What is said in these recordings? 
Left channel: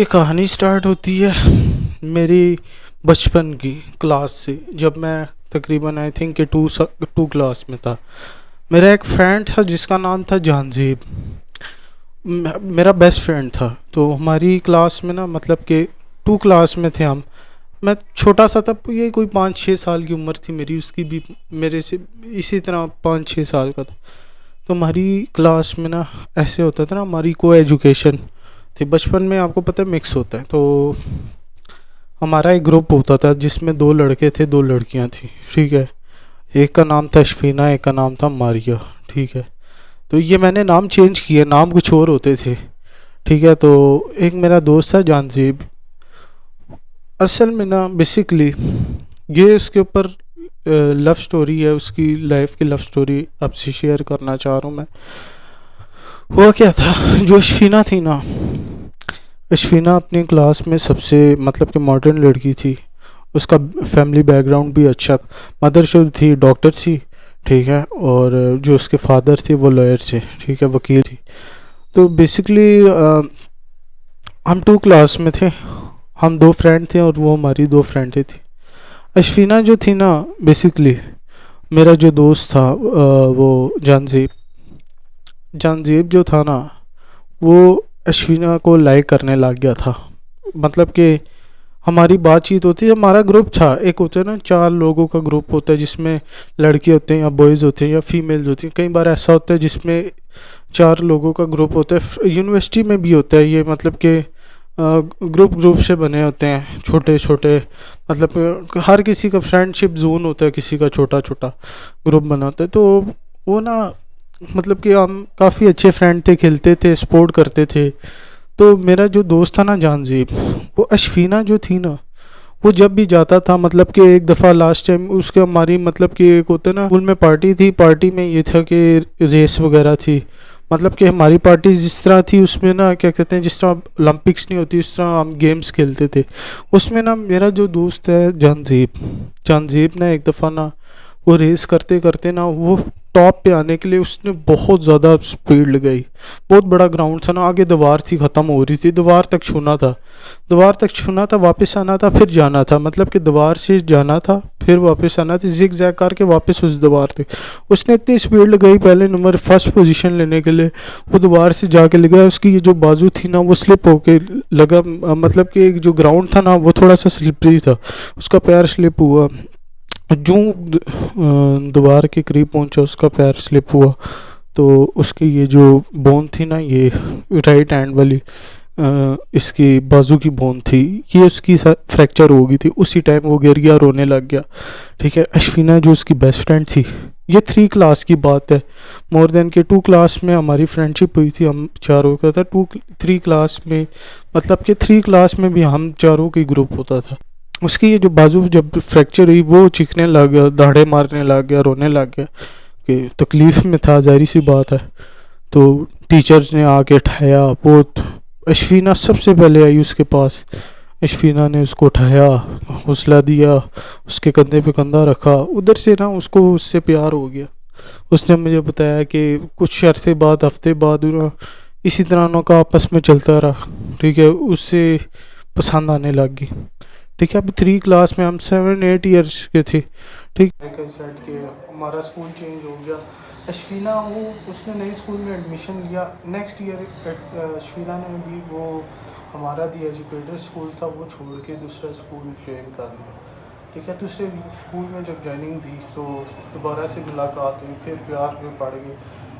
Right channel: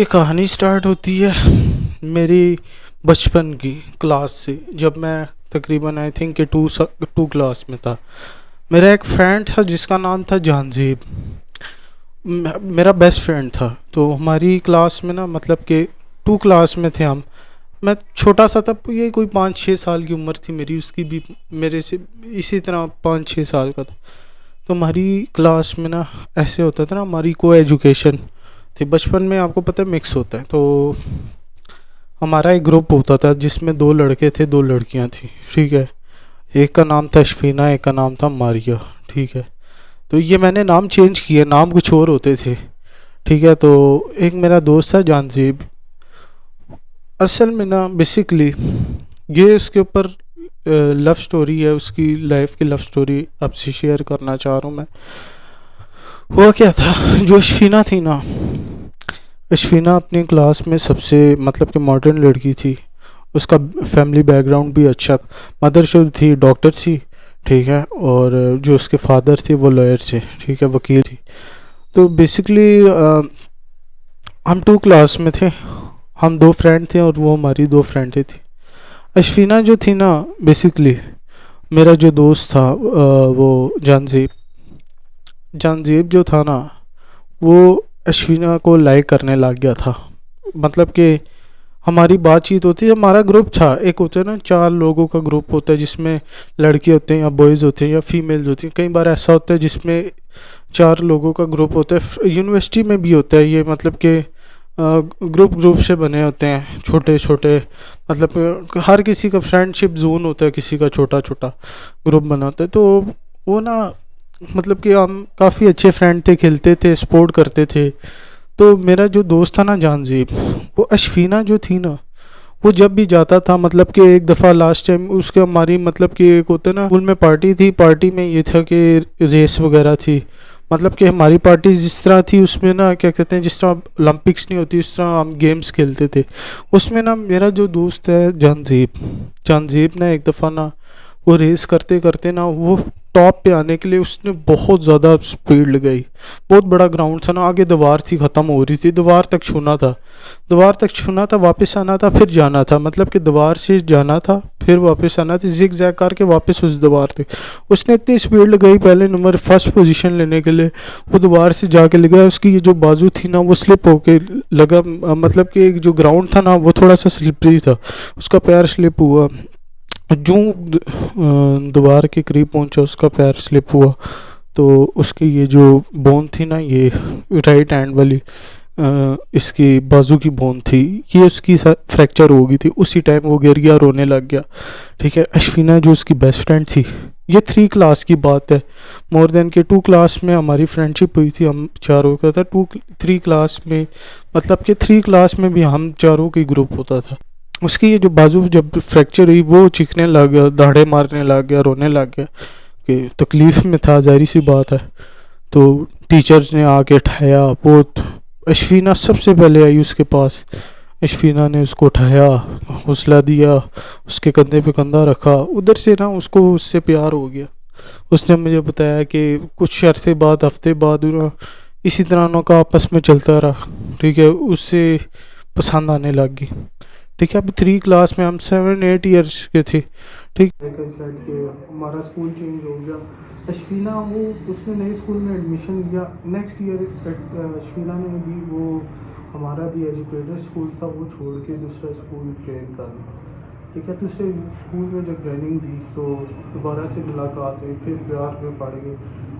یہ کہانی سٹارٹ ہوتی ہے میری بچپن کی کلاس سے، جب میں تقریباً آئی تھنک کہ ٹو کلاس میں تھا۔ میرا ایک فرینڈ تھا جس کا نام تھا جہانزیب، میرا بیسٹ فرینڈ تھا۔ تو ہماری کلاس میں نا، مطلب کہ ٹو کلاس میں تھے ہم۔ میں چھوٹا سا تھا، یہ کوئی 5-6 سال کی عمر تھی میری، اس کی بھی میرے سے اسی طرح 5-6 سال کا تھا۔ تو ہماری کلاس میں نا ایسے ہوتا تھا نا، ہماری کو ایجوکیشن تھی۔ بچپن میں آپ کو پتہ ہے مکس ہوتا ہے، تو ہمارا ایک گروپ ہوتا تھا جس میں 2 لڑکے تھے 2 لڑکیاں تھیں، ٹھیک ہے۔ ایک کا نام تھا اشفینہ، ایک کا نام تھا ماریہ، ٹھیک ہے۔ تو یہ میں نے نام چینج کیے، نام کچھ اور ہوتے تھے، ٹھیک ہے۔ تو ایک میرا دوست تھا جہانزیب، اصل میں نا بیسکلی یہ اس کے اوپر لو سٹوری ہے، اس کی لائف کی لو سٹوری آپ سے شیئر کرنا چاہ رہا ہوں میں۔ ہوا کیا تھا، جو اشفینہ تھی نا، اشفینہ اپنی کلاس میں سب سے مطلب کہ ماڈرن لڑکی تھی۔ اس کا فیملی بیک گراؤنڈ بھی اچھا، مدر جو تھی ڈاکٹر تھی، ٹھیک ہے، اور جو اس کے فادر تھے وہ لائر تھے، ٹھیک ہے، وکیل تھی۔ تو بیسکلی ہم 2 کلاس میں تھے، ہم 2 فرینڈ تھے اور وہ ہماری 2 فرینڈیں تھیں۔ اشفینہ جو تھی نا، بیسکلی میرا جو دوست تھا وہ جہانزیب جو تھا نا، وہ اشفینہ کو لائک کرنے لگ گیا تھا۔ مطلب کہ ہماری بات چیت ہوتی ہے، ہمارا گروپ تھا، ایک ہوتا ہے نا 4 لوگوں کا گروپ ہوتا ہے جس میں لڑکے ہوتے ہیں یا بوائز ہوتے ہیں یا فیمیلز ہوتی ہیں۔ کئی بار ایسا ہوتا ہے جس میں 4 لوگوں کا گروپ ہوتا ہے، یونیورسٹی میں بھی ہوتا ہے یہ، مطلب کہ گروپ سے بنے ہوتے ہیں چھوٹے چھوٹے، مطلب ہر کسی کا فرینڈ شپ زون ہوتا ہے، کسی کا چھوٹا چھوٹا گروپ بنا ہوتا ہے۔ تو وہ نا، مطلب کہ ہم کافی اچھے فرینڈ تھے، کھیلتے تھے، سپورٹ کرتے تھے۔ تو میرا جو دوست تھا نا جہانزیب، وہ اشفینہ جو تھی نا، وہ جب بھی جاتا تھا، مطلب کہ ایک دفعہ لاسٹ ٹائم اس کے ہماری مطلب کہ ایک ہوتا ہے نا اسکول میں پارٹی تھی، پارٹی میں یہ تھا کہ ریس وغیرہ تھی، مطلب کہ ہماری پارٹی جس طرح تھی اس میں نا کیا کہتے ہیں، جس طرح اولمپکس نہیں ہوتی اس طرح ہم گیمز کھیلتے تھے۔ اس میں نا میرا جو دوست ہے جہانزیب نے ایک دفعہ نا وہ ریس کرتے کرتے نا، وہ ٹاپ پہ آنے کے لیے اس نے بہت زیادہ سپیڈ لگائی۔ بہت بڑا گراؤنڈ تھا نا، آگے دیوار تھی، ختم ہو رہی تھی، دیوار تک چھونا تھا، واپس آنا تھا، پھر جانا تھا، مطلب کہ دیوار سے جانا تھا پھر واپس آنا تھا، زگ زیگ کر کے واپس اس دیوار تک۔ اس نے اتنی سپیڈ لگائی، پہلے نمبر فرسٹ پوزیشن لینے کے لیے وہ دیوار سے جا کے لگا، اس کی یہ جو بازو تھی نا وہ سلپ ہو کے لگا، مطلب کہ جو گراؤنڈ تھا نا وہ تھوڑا سا سلپری تھا، اس کا پیر سلپ ہوا، جو دیوار کے قریب پہنچا اس کا پیر سلپ ہوا، تو اس کی یہ جو بون تھی نا، یہ رائٹ ہینڈ والی اس کی بازو کی بون تھی، یہ اس کی فریکچر ہو گئی تھی۔ اسی ٹائم وہ گر گیا، رونے لگ گیا، ٹھیک ہے۔ اشفینہ جو اس کی بیسٹ فرینڈ تھی، یہ 3 کلاس کی بات ہے، مور دین کہ 2 کلاس میں ہماری فرینڈ شپ ہوئی تھی، ہم چاروں کا تھا 3 کلاس میں، مطلب کہ 3 کلاس میں بھی ہم چاروں کی گروپ ہوتا تھا۔ اس کی یہ جو بازو جب فریکچر ہوئی، وہ چیخنے لگ گیا، دہاڑے مارنے لگ گیا، رونے لگ گیا، کہ تکلیف میں تھا، ظاہری سی بات ہے۔ تو ٹیچرز نے آ کے اٹھایا، بہت اشفینہ سب سے پہلے آئی اس کے پاس، اشفینہ نے اس کو اٹھایا، حوصلہ دیا، اس کے کندھے پہ کندھا رکھا، ادھر سے نا اس کو اس سے پیار ہو گیا۔ اس نے مجھے بتایا کہ کچھ عرصے بعد، ہفتے بعد، اسی طرح ان کا آپس میں چلتا رہا، ٹھیک ہے، اس سے پسند آنے لگ گئی، ٹھیک ہے۔ اب 3 کلاس میں ہم 7-8 ایئرس کے تھے، ٹھیک ہے۔ ہمارا اسکول چینج ہو گیا، اشفینہ اس نے نئے اسکول میں ایڈمیشن لیا، نیکسٹ ایئر اشفینہ نے بھی وہ ہمارا دی ایجوکیٹر اسکول تھا وہ چھوڑ کے دوسرا اسکول جوائن کرنا، ٹھیک ہے۔ دوسرے اسکول میں جب جوائننگ دی تو دوبارہ سے ملاقات ہوئی، پھر پیار میں پڑ گئے۔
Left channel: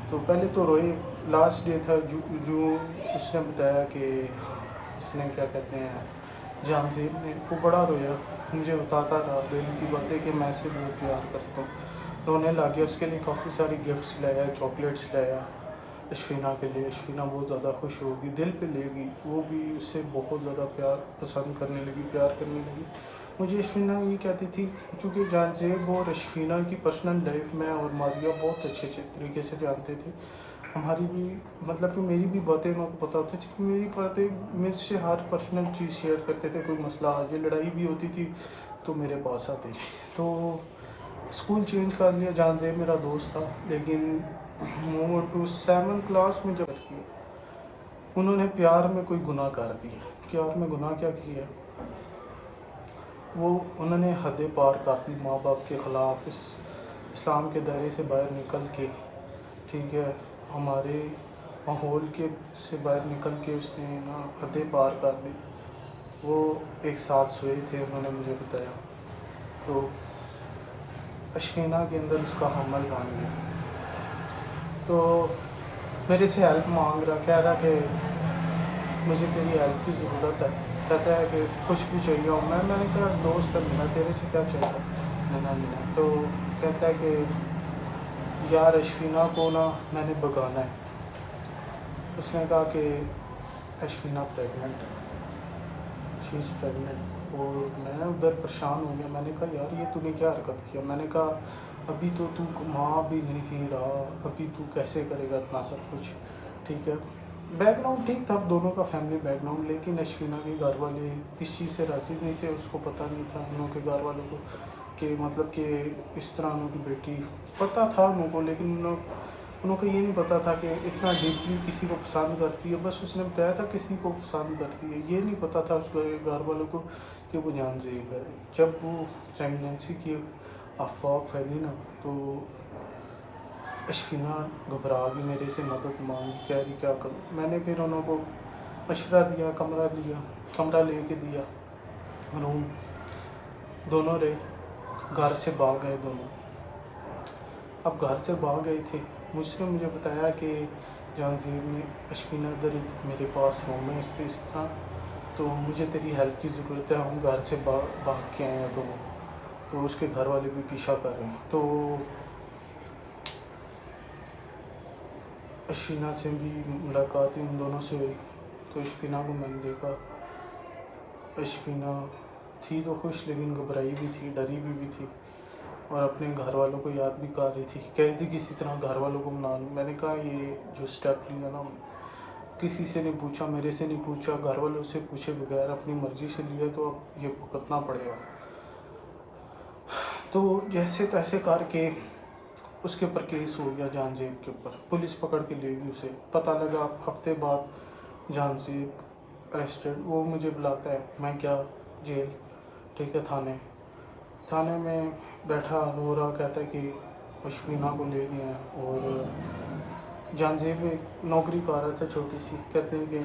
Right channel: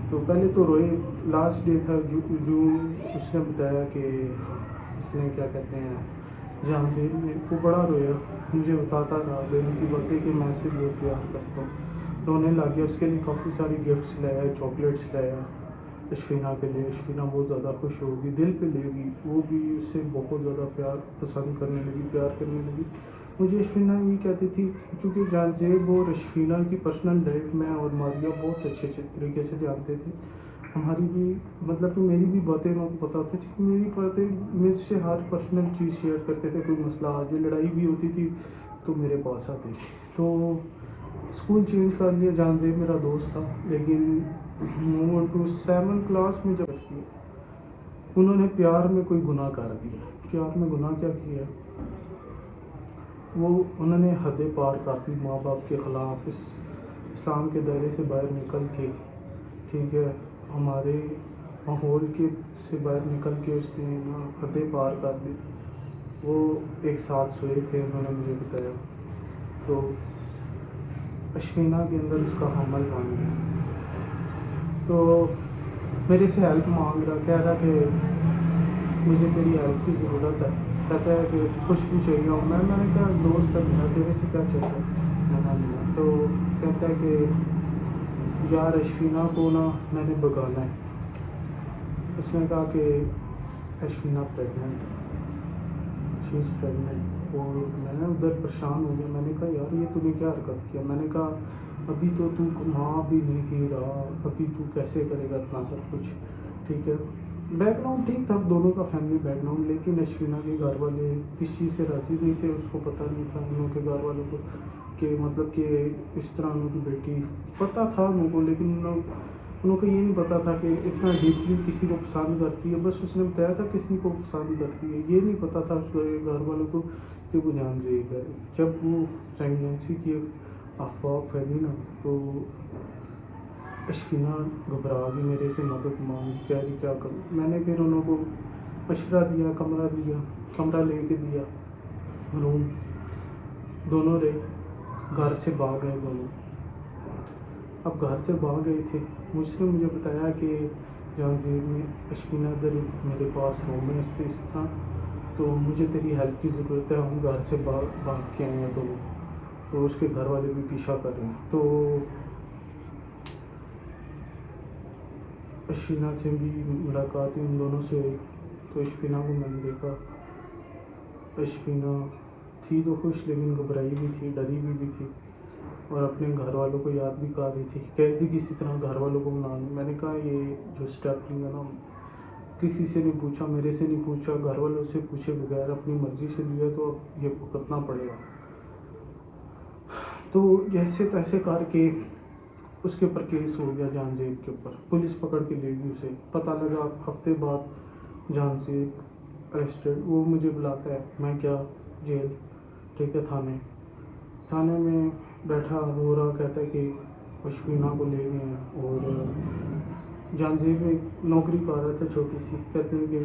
تو پہلے تو روئے، لاسٹ ڈے تھا جو اس نے بتایا کہ اس نے کیا کہتے ہیں، جہانزیب نے، وہ بڑا رویا، مجھے بتاتا رہا دل کی باتیں کہ میں سے بہت پیار کرتا ہوں، رونے لگ گیا۔ اس کے لیے کافی ساری گفٹس لایا، چاکلیٹس لایا اشفینہ کے لیے، اشفینہ بہت زیادہ خوش ہوگی، دل پہ لے گی، وہ بھی اس سے بہت زیادہ پیار پسند کرنے لگی، پیار کرنے لگی۔ مجھے اشفینہ یہ کہتی تھی، کیونکہ جہانزیب اور اشفینہ کی پرسنل لائف میں اور ماریہ بہت اچھے طریقے سے جانتے تھے، ہماری بھی مطلب کہ میری بھی باتیں بتاتے تھے، کہ میری باتیں مجھ سے ہر پرسنل چیز شیئر کرتے تھے، کوئی مسئلہ آج لڑائی بھی ہوتی تھی تو میرے پاس آتے تھے۔ تو اسکول چینج کر لیا، جہانزیب میرا دوست تھا، لیکن وہ 7 کلاس میں جب کی انہوں نے پیار میں کوئی گناہ کر دیا، کہ یار میں گناہ کیا کیا ہے. انہوں نے حدیں پار کر دی ماں باپ کے خلاف، اسلام کے دائرے سے باہر نکل کے، ٹھیک ہے، ہمارے ماحول کے سے باہر نکل کے اس نے نا حدیں پار کر دی. وہ ایک ساتھ سوئے تھے، انہوں نے مجھے بتایا، تو اشفینہ کے اندر اس کا حمل بن گیا. تو میرے سے ہیلپ مانگ رہا، کہہ رہا کہ مجھے تیری ہیلپ کی ضرورت ہے. کہتا ہے کہ کچھ بھی چاہیے ہو. میں نے کہا دوست ہے میرا، تیرے سے کیا چاہیے ملا. تو کہتا ہے کہ یار اشفینہ کو نا میں نے بگانا ہے. اس نے کہا کہ اشفینہ پریگننٹ ہے، شی از پریگننٹ. اور میں ادھر پریشان ہو گیا. میں نے کہا یار یہ تو نے کیا حرکت کیا. میں نے کہا ابھی تو ماں بھی نہیں رہا، ابھی تو کیسے کرے گا اتنا سب کچھ. ٹھیک ہے، بیک گراؤنڈ ٹھیک تھا دونوں کا، فیملی بیک گراؤنڈ، لیکن اشفینہ کے گھر والے اس چیز سے راضی نہیں تھے. اس کو پتہ نہیں تھا انہوں کے گھر والوں کو کہ مطلب کہ اس طرح انہوں کی بیٹی، پتہ تھا انہوں کو، لیکن انہوں کو یہ نہیں پتا تھا کہ اتنا ڈیپلی کسی کو پسند کرتی ہے. بس اس نے بتایا تھا کسی کو پسند کرتی ہے، یہ نہیں پتا تھا اس کے گھر والوں کو کہ وہ جان زیب ہے. جب وہ پریگننسی کی افواہ پھیلی نا، تو اشفینہ گھبرا گئی، میرے سے مدد مانگی، کہہ رہی کیا کروں. میں نے پھر انہوں کو مشورہ دیا، کمرہ لے کے دیا، روم. دونوں رہے، گھر سے بھاگ گئے دونوں. اب گھر سے بھاگ گئے تھے، مجھے بتایا کہ جان زیب نے اشفینہ ادھر میرے پاس روم ہے اس طرح، تو مجھے تیری ہیلپ کی ضرورت ہے. ہم گھر سے بھاگ کے آئے ہیں، تو اس کے گھر والے بھی پیچھا کر رہے ہیں. تو اشفینہ سے بھی ملاقات ان دونوں سے ہوئی. تو اشفینہ کو میں نے دیکھا، اشفینہ تھی تو خوش، لیکن گھبرائی بھی تھی، ڈری بھی تھی، اور اپنے گھر والوں کو یاد بھی کر رہی تھی. کہہ دی کسی طرح گھر والوں کو منا لوں. میں نے کہا یہ جو اسٹیپ لیا نا، کسی سے نہیں پوچھا، میرے سے نہیں پوچھا، گھر والوں سے پوچھے بغیر اپنی مرضی سے لیا، تو اب یہ بھگتنا پڑے گا. تو جیسے تیسے کر کے اس کے اوپر کیس ہو گیا، جان زیب کے اوپر. پولیس پکڑ کے لے گئی اسے. پتہ لگا ہفتے بعد جان زیب اریسٹڈ. وہ مجھے بلاتا ہے، میں کیا جیل، ٹھیک ہے، تھانے میں بیٹھا رو رہا. کہتا ہے کہ اشفینہ کو لے گیا. اور جان زیب ایک نوکری کر رہا تھا چھوٹی سی. کہتے ہیں کہ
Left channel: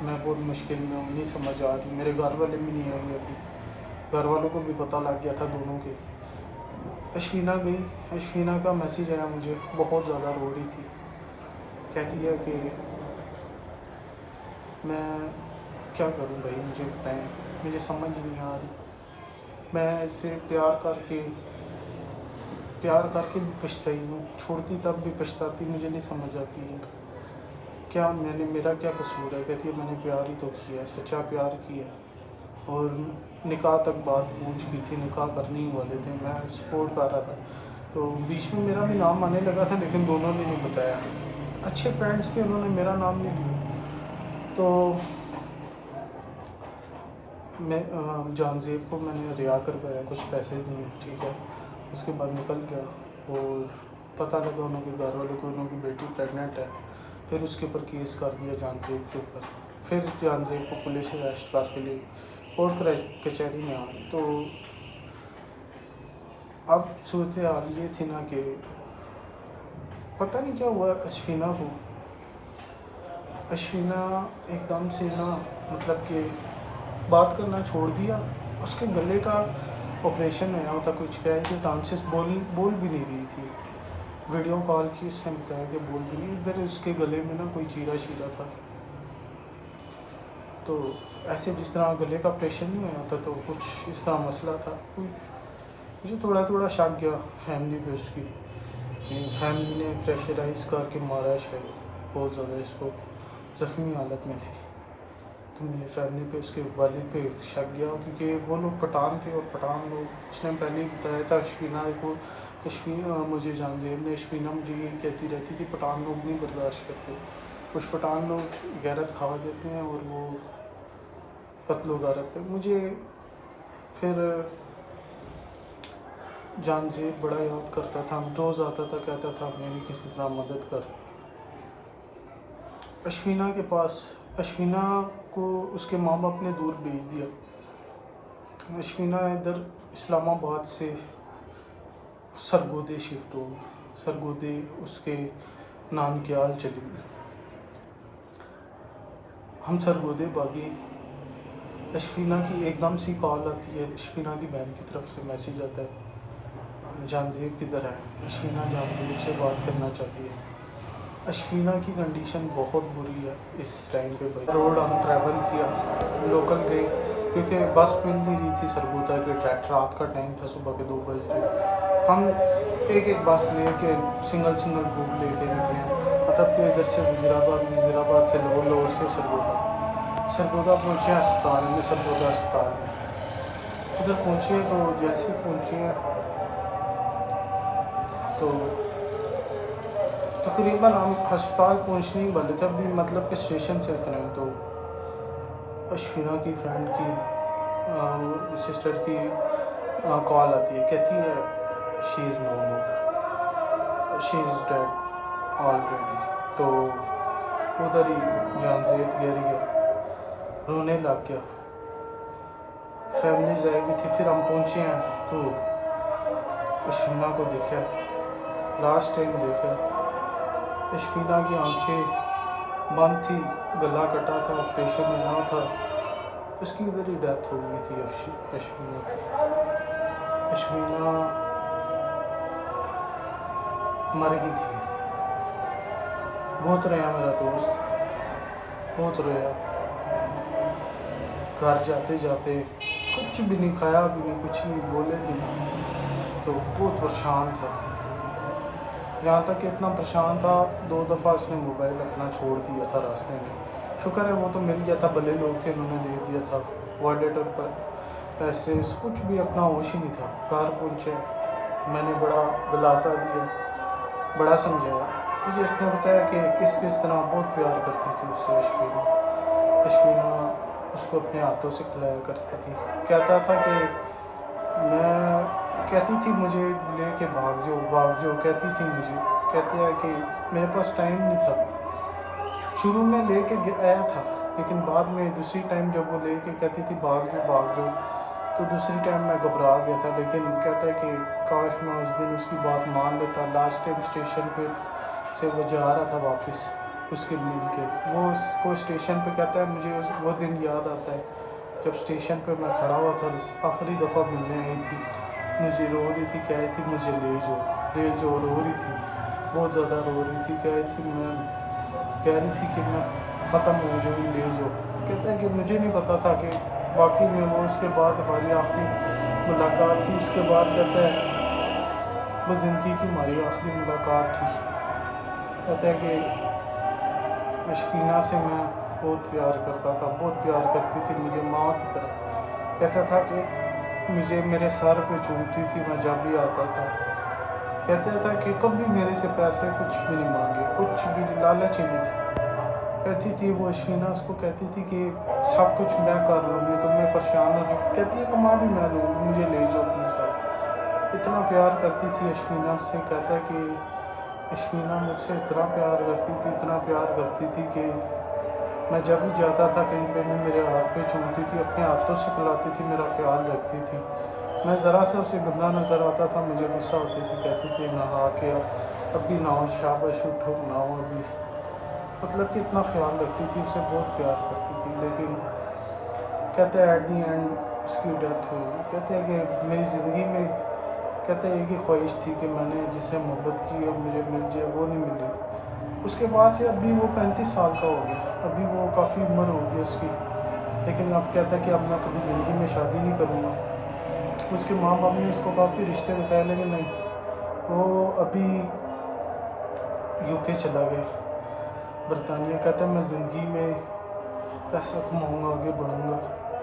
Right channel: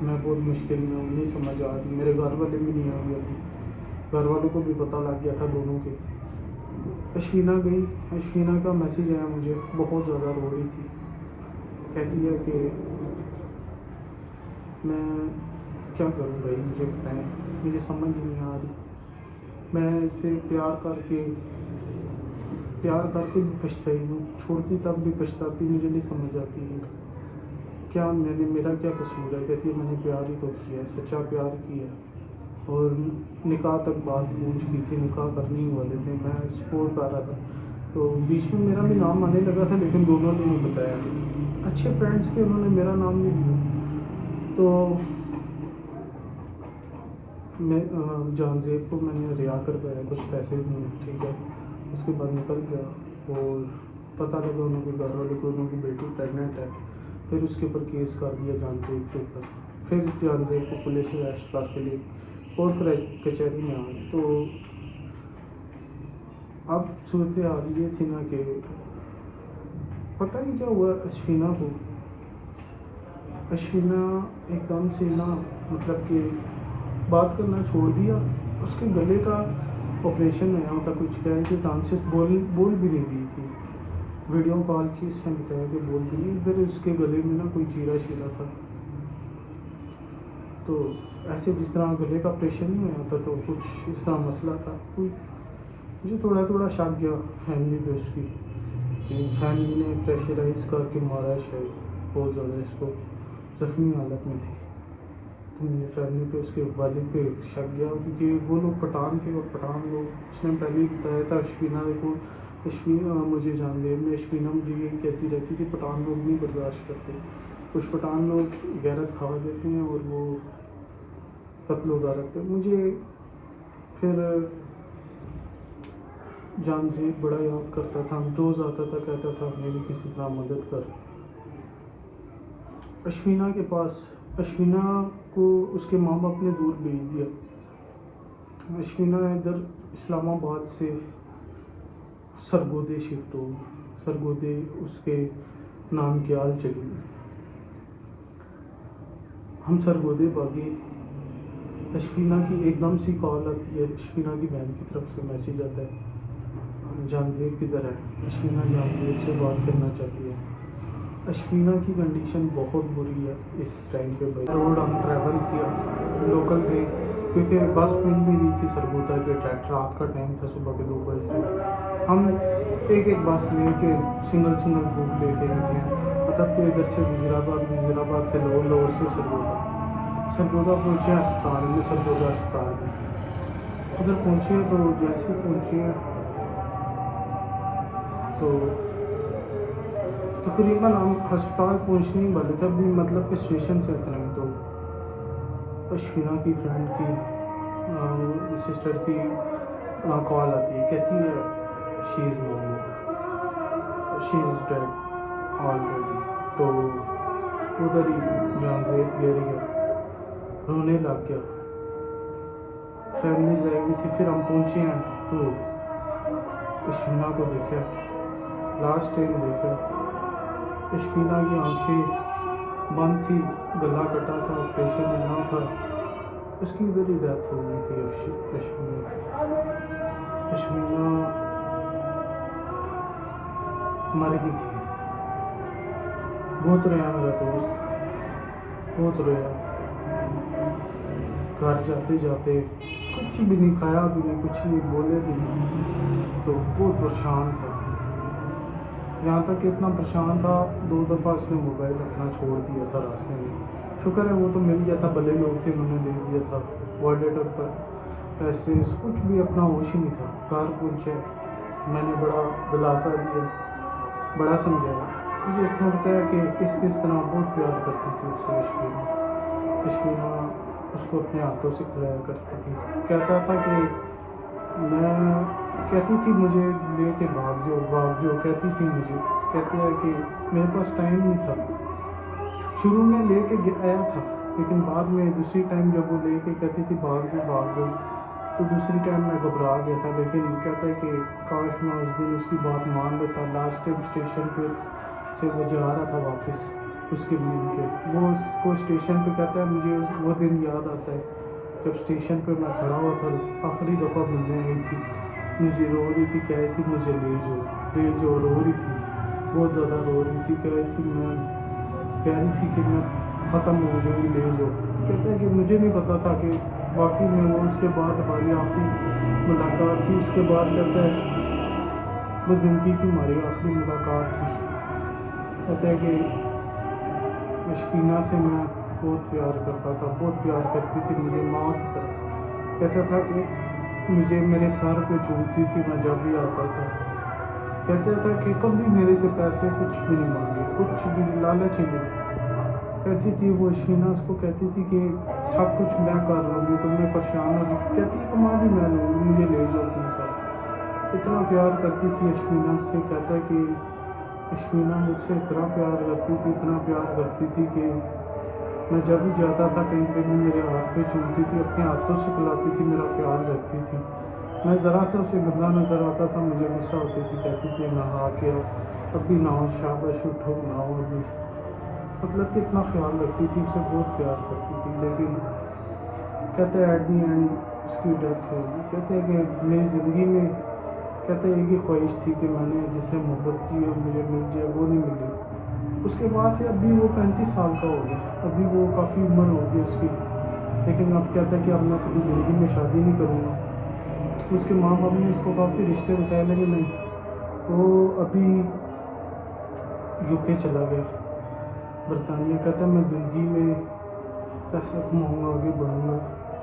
میں بہت مشکل میں ہوں، نہیں سمجھ آ رہی. میرے گھر والے بھی نہیں آئیں گے ابھی، گھر والوں کو بھی پتہ لگ گیا تھا دونوں کے. اشفینہ گئی. اشفینہ کا میسیج آیا مجھے، بہت زیادہ رو رہی تھی. کہتی ہے کہ میں کیا کروں بھائی، مجھے بتائیں، مجھے سمجھ نہیں آ رہی. میں اس سے پیار کر کے بھی پچھتائی ہوں، چھوڑتی تب بھی پچھتاتی، مجھے نہیں سمجھ آتی کیا میرا کیا قصور ہے. کہتی ہے میں نے پیار ہی تو کیا ہے، سچا پیار کیا ہے، اور نکاح تک بات پہنچ گئی تھی، نکاح کرنے ہی والے تھے، میں سپورٹ کر رہا تھا. تو بیچ میں میرا بھی نام آنے لگا تھا، لیکن دونوں نے نہیں بتایا. اچھے فرینڈس تھے، انہوں نے میرا نام نہیں لیا. تو میں جان زیب کو میں نے رہا کروایا، کچھ پیسے دیے، ٹھیک ہے. اس کے بعد نکل گیا. اور پتہ لگا انہوں کے گھر والوں کو انہوں کی بیٹی پریگننٹ ہے. پھر اس کے اوپر کیس کر دیا جان زیب کے اوپر. پھر جان زیب کو پولیس اریسٹ کر کے لے کورٹ کچہری میں آئے. تو اب صورتحال یہ تھی نا کہ پتہ نہیں کیا ہوا اشفینہ کو. اشفینہ ایک دم سے نا مطلب کہ بات کرنا چھوڑ دیا. اس کے گلے کا آپریشن ہوا تھا، کچھ کیا ہے کہ ڈانسز بول بھی نہیں رہی تھی. ویڈیو کال کی، اس نے بتایا کہ بول بھی نہیں. ادھر اس کے گلے میں نا کوئی چیرا تھا. تو ایسے جس طرح گلے کا آپریشن نہیں ہوا تھا، تو کچھ اس طرح مسئلہ تھا. مجھے تھوڑا شک گیا فیملی پہ اس کی، فیملی نے پریشرائز کر کے مارا شاید، بہت زیادہ اس کو زخمی حالت میں تھی. تو مجھے فیملی پہ، اس کے والد پہ شک گیا، کیونکہ وہ لوگ پٹھان تھے، اور پٹھان لوگ، اس نے پہلے ہی بتایا تھا اشفینہ کو. مجھے جان زیب نے، اشفینہ مجھے یہ کہتی رہتی کہ پٹھان لوگ نہیں برداشت کرتے، کچھ پٹھان لوگ غیرت کھا دیتے ہیں اور وہ قتل و غارت پہ. مجھے پھر جان زیب بڑا یاد کرتا تھا، روز آتا تھا، کہتا تھا میری کسی طرح مدد کر. اشفینہ کے پاس اشفینہ کو اس کے ماں باپ نے دور بھیج دیا. اشفینہ ادھر اسلام آباد سے سرگودے شفٹ ہو گئی. سرگودے اس کے نانکیال چلی گئی. ہم سرگودے باغی. اشفینہ کی ایک دم سی کال آتی ہے. اشفینہ کی بہن کی طرف سے میسیج آتا ہے جانزیب کدھر ہے. اشفینہ جانزیب سے بات کرنا چاہتی ہے. اشفینہ کی کنڈیشن بہت بری ہے اس ٹائم پہ. بھائی روڈ ہم ٹریول کیا, لوکل گئی کیونکہ بس مل نہیں رہی تھی سرگودا کے. رات کا ٹائم تھا, صبح کے 2 بجے. ہم ایک بس لے کے سنگل گروپ لے کے نکلے. مطلب کہ ادھر سے وزیر آباد سے لور سے سرگودا پہنچے اسپتال میں. سرگودا اسپتال میں ادھر پہنچے تو جیسے پہنچے تو تقریباً ہم ہسپتال پہنچنے ہی والے تھے ابھی, مطلب کہ اسٹیشن سے اترے ہیں. تو اشفینہ کی فرینڈ کی سسٹر کی کال آتی ہے, کہتی ہے شی از نو مور, شی از ڈیڈ آلریڈی. تو ادھر ہی جانزیب گر گیا, رونے لگ گیا. فیملیز آئی ہوئی تھی. پھر ہم پہنچے ہیں تو اشفینہ کو دیکھا, لاسٹ ٹائم دیکھا. اشفینہ کی آنکھیں بند تھی, گلا کٹا تھا, آپریشن ہوا تھا. اس کی ادھر ہی ڈیتھ ہو گئی تھی اشفینہ مر گئی تھی. بہت رویا میرا دوست, بہت رویا. گھر جاتے جاتے کچھ بھی نہیں کھایا بھی نہیں, کچھ نہیں بولے بھی نہیں. تو بہت پریشان تھا, یہاں تک کہ اتنا پریشان تھا 2 دفعہ اس نے موبائل اپنا چھوڑ دیا تھا راستے میں. شکر ہے وہ تو مل گیا تھا, بھلے لوگ تھے انہوں نے دے دیا تھا. والیٹ پر پیسے کچھ بھی اپنا ہوش ہی نہیں تھا. گھر پہنچے, میں نے بڑا دلاسا دیا, بڑا سمجھایا. مجھے اس نے بتایا کہ کس طرح بہت پیار کرتی تھی اس سے اشفینہ اس کو اپنے ہاتھوں سے کھلایا کرتی تھی. کہتا تھا کہ میں کہتی تھی مجھے لے کے بھاگ جاؤ کہتی تھی مجھے. کہتے ہیں کہ میرے پاس ٹائم نہیں تھا. شروع میں لے کے آیا تھا, لیکن بعد میں دوسری ٹائم جب وہ لے کے کہتی تھی بھاگ جاؤ تو دوسری ٹائم میں گھبرا گیا تھا. لیکن کہتا ہے کہ کاش میں اس دن اس کی بات مان لیتا. لاسٹ ٹائم اسٹیشن پہ سے وہ جا رہا تھا واپس اس کے مل کے, وہ اس کو اسٹیشن پہ کہتا ہے مجھے وہ دن یاد آتا ہے جب اسٹیشن پہ میں کھڑا ہوا تھا, آخری دفعہ ملنے آئی تھی. مجھے رو رہی تھی, کہہ رہی تھی مجھے لے جاؤ, رو رہی تھی, بہت زیادہ رو رہی تھی. کہہ رہی تھی کہ میں ختم ہو جاؤں گی, لے جاؤ. کہتا ہے کہ مجھے نہیں پتا تھا کہ واقعی میں وہ اس کے بعد ہماری آخری ملاقات تھی. اس کے بعد کہتا ہے وہ زندگی کی ہماری آخری ملاقات تھی. کہتا ہے کہ اشفینہ سے میں بہت پیار کرتا تھا, بہت پیار کرتی تھی مجھے ماں کی طرح. کہتا تھا کہ مجھے میرے سر پہ چومتی تھی میں جب بھی آتا تھا. کہتا تھا کہ کبھی میرے سے پیسے کچھ بھی نہیں مانگے, کچھ بھی لالچ ہی نہیں تھی. کہتی تھی وہ اشفینہ اس کو کہتی تھی کہ سب کچھ میں کر لوں گی, تم نے پریشان نہیں ہو. کہتی ہے کما بھی میں لوں گی, مجھے لے جاؤ اپنے ساتھ. اتنا پیار کرتی تھی اشفینہ سے. کہتا ہے کہ اشفینہ مجھ سے اتنا پیار کرتی تھی کہ میں جب بھی جاتا تھا کہیں پہ بھی میرے ہاتھ پہ چومتی تھی, اپنے ہاتھوں سے کھلاتی تھی, میرا خیال رکھتی تھی. میں ذرا سے اسے گندا نظر آتا تھا, مجھے غصہ ہوتی تھی. کہتی تھی نہا کے ابھی نہاؤ, شاباش اٹھو نہاؤ ابھی. مطلب کہ اتنا خیال رکھتی تھی, اسے بہت پیار کرتی تھی. لیکن کہتے ہیں ایٹ دی اینڈ اس کی ڈیتھ ہو گئی. کہتے ہیں کہ میری زندگی میں کہتے ہیں ایک ہی خواہش تھی کہ میں نے جس سے محبت کی اور مجھے مل جائے, وہ نہیں ملی. اس کے بعد سے ابھی وہ 35 سال کا ہو گیا, ابھی وہ کافی عمر ہو گئی اس کی. لیکن اب کہتا ہے کہ اب میں کبھی زندگی میں شادی نہیں کروں گا. اس کے ماں باپ نے اس کو کافی رشتے دکھائے, لیکن نہیں, وہ ابھی UK چلا گیا, برطانیہ. کہتا ہے میں زندگی میں پیسہ کماؤں گا, آگے بڑھوں گا.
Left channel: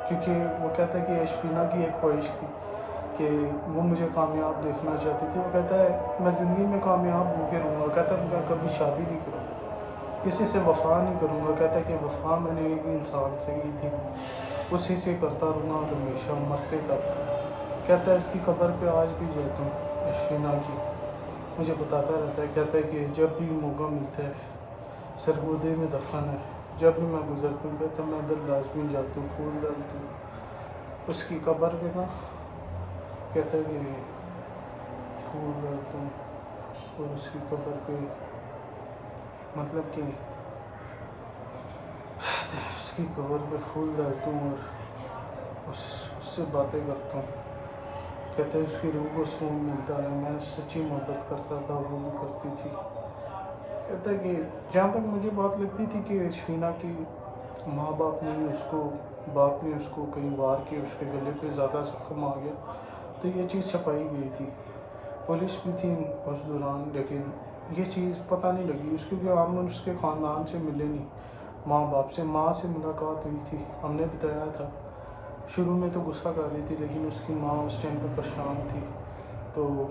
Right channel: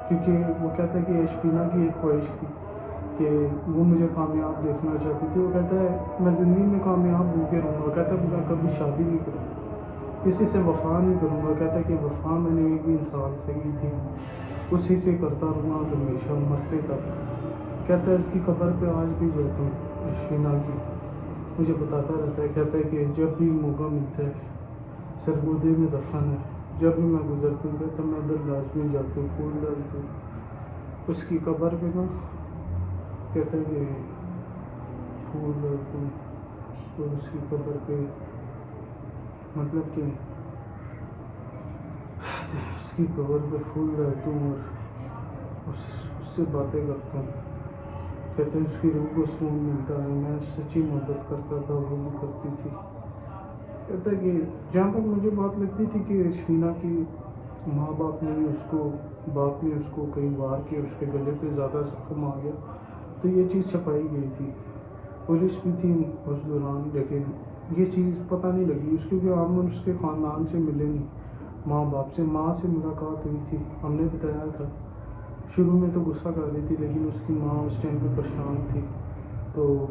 کیونکہ وہ کہتا ہے کہ اشفینہ کی ایک خواہش تھی کہ وہ مجھے کامیاب دیکھنا چاہتی تھی. وہ کہتا ہے میں زندگی میں کامیاب ہو کے رہوں گا. کہتا ہے میں کبھی شادی نہیں کروں گا, کسی سے وفا نہیں کروں گا. کہتا ہے کہ وفا میں نے ایک ہی انسان سے کی تھی, اسی سے کرتا رہوں گا ہمیشہ مرتے تک. کہتا ہے اس کی قبر پہ آج بھی جاتا ہوں اشفینہ کی, مجھے بتاتا رہتا ہے. کہتا ہے کہ جب بھی موقع ملتا ہے سرگودے میں دفن ہے, جب بھی میں گزرتا ہوں کہتا میں ادھر لازمی جاتا ہوں، پھول ڈالتا ہوں اس کی قبر پہ نا، کہتا ہے کہ پھول ڈالتا ہوں اور اس کی قبر پہ مطلب کہ اس کی قبر پہ پھول ڈالتا ہوں اور اس سے باتیں کرتا ہوں، کہتے ہیں اس کی روح کو سکون ملتا ہے، میں سچی محبت کرتا تھا، وہ بھی کرتی تھی۔ کہتا ہے کہ جہاں تک مجھے بات لگتی تھی کہ اشفینہ کی ماں باپ نے باپ نے اس کو کہیں وار کیا، اس کے گلے پہ زیادہ زخم آ گیا، تو یہ چیز چھپائی گئی تھی، پولیس بھی تھی اس دوران، لیکن یہ چیز پتہ نہیں لگی اس کیونکہ ہم اس کے خاندان سے ملے نہیں، ماں باپ سے، ماں سے ملاقات ہوئی تھی، ہم نے بتایا تھا، شروع میں تو غصہ کر رہی تھی لیکن اس کی ماں اس ٹائم پہ پریشان تھی، تو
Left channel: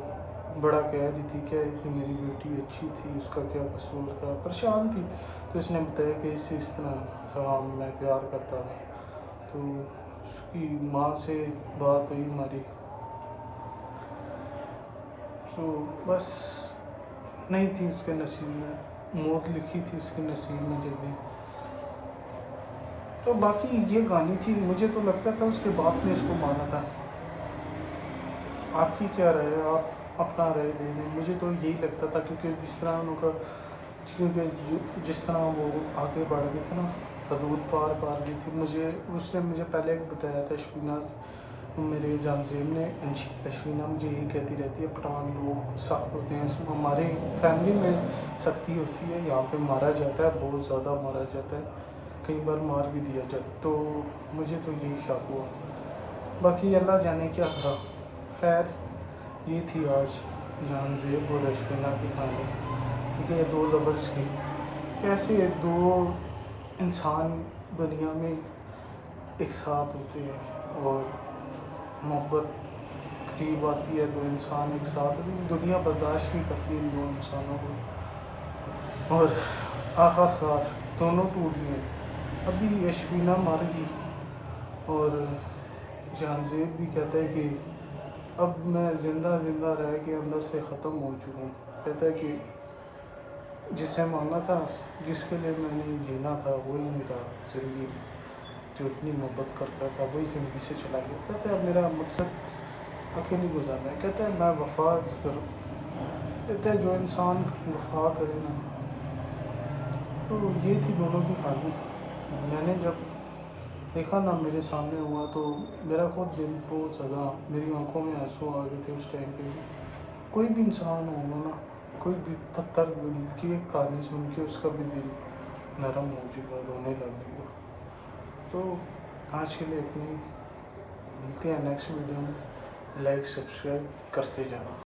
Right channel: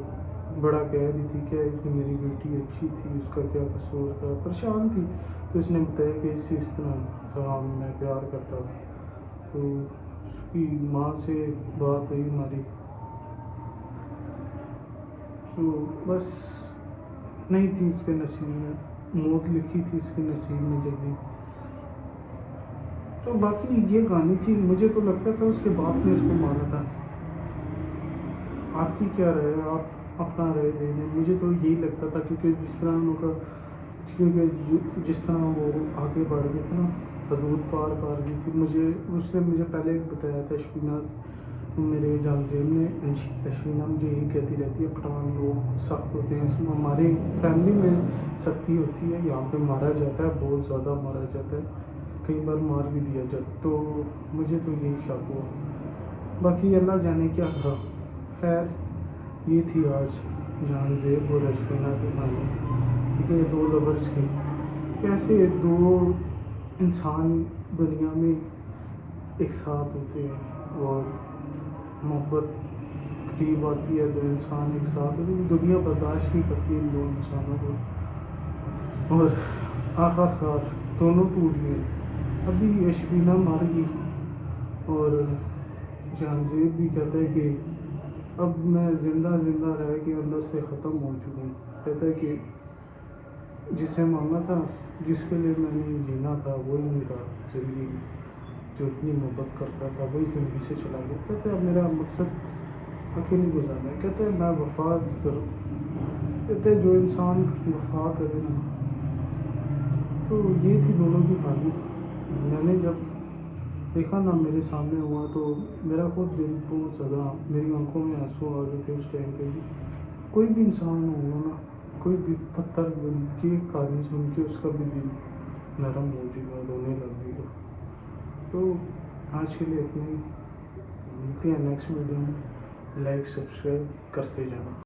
بڑا کہہ رہی تھی میری بیٹی اچھی تھی، اس کا کیا قصور تھا، پریشان تھی، تو اس نے بتایا کہ اس طرح تھا، میں پیار کرتا تھا، تو اس کی ماں سے بات ہوئی ہماری، تو بس نہیں تھی اس کے نصیب میں، موت لکھی تھی اس کے نصیب میں جلدی۔ تو باقی یہ کہانی تھی، مجھے تو لگتا تھا اس کے باپ نے اس کو مارا تھا، آپ کی کیا رائے ہے؟ آپ اپنا رائے دے دیں، مجھے تو یہی لگتا تھا کیونکہ جس طرح وہ آگے بڑھ گئی تھی نا، حدود پار کر گئی تھی، اس نے مجھے پہلے بتایا تھا اشفینہ، میرے جانزین نے، اشفینہ مجھے یہی کہتی رہتی ہے پٹھان لوگ سخت ہوتے ہیں، ہمارے فیملی میں سختی ہوتی ہے، یہاں پہ مارا جاتا ہے، بہت زیادہ مارا جاتا ہے، کئی بار مار بھی دیا جاتا، تو مجھے تو یہی شک ہوا، باقی اللہ جانے کیا تھا۔ خیر یہ تھی آج جہان زیب اور اشفینہ کی کہانی، ٹھیک ہے، دو لورس کی، کیسے دو انسان دنیا میں ایک ساتھ ہوتے ہیں اور محبت قریب آتی ہے، دو انسان ایک ساتھ ہوتے ہیں، دنیا برداشت نہیں کرتی ان دو انسانوں کو، اور آخر کار دونوں ٹوٹ گئے، ابھی اشفینہ مر گئی اور جہان زیب بھی کہتا ہے کہ اب میں زندہ رہ کے اندر سے ختم ہو چکا ہوں، کہتا ہے کہ جسے مانگا تھا، جس کے لیے میں نے جینا تھا، وہی میرا زندگی جو اتنی محبت کرتا تھا وہی زندگی سے چلا گیا، کہتا ہے اب میرا مقصد اکیلی گزارنا ہے، کہتا ہے میں وفا کروں، کہتا ہے جو انسان وفا کرے نا، تو یہ تھی دونوں کی کہانی، میں نے جب دیکھا نا میرے سامنے ہوا تو میرا خود دل بہت زیادہ، میری آنکھوں میں آنسو آ گئے تھے اس ٹائم پہ بھی، کوئی بھی انسان ہوگا نا، کوئی بھی پتھر دل کی کہانی سن کے اس کا بھی دل نرم ہو جائے گا، رونے لگ جائے گا، تو آج کے لیے اتنا ہی، ملتے ہیں نیکسٹ ویڈیو میں، لائک سبسکرائب کرتے جانا۔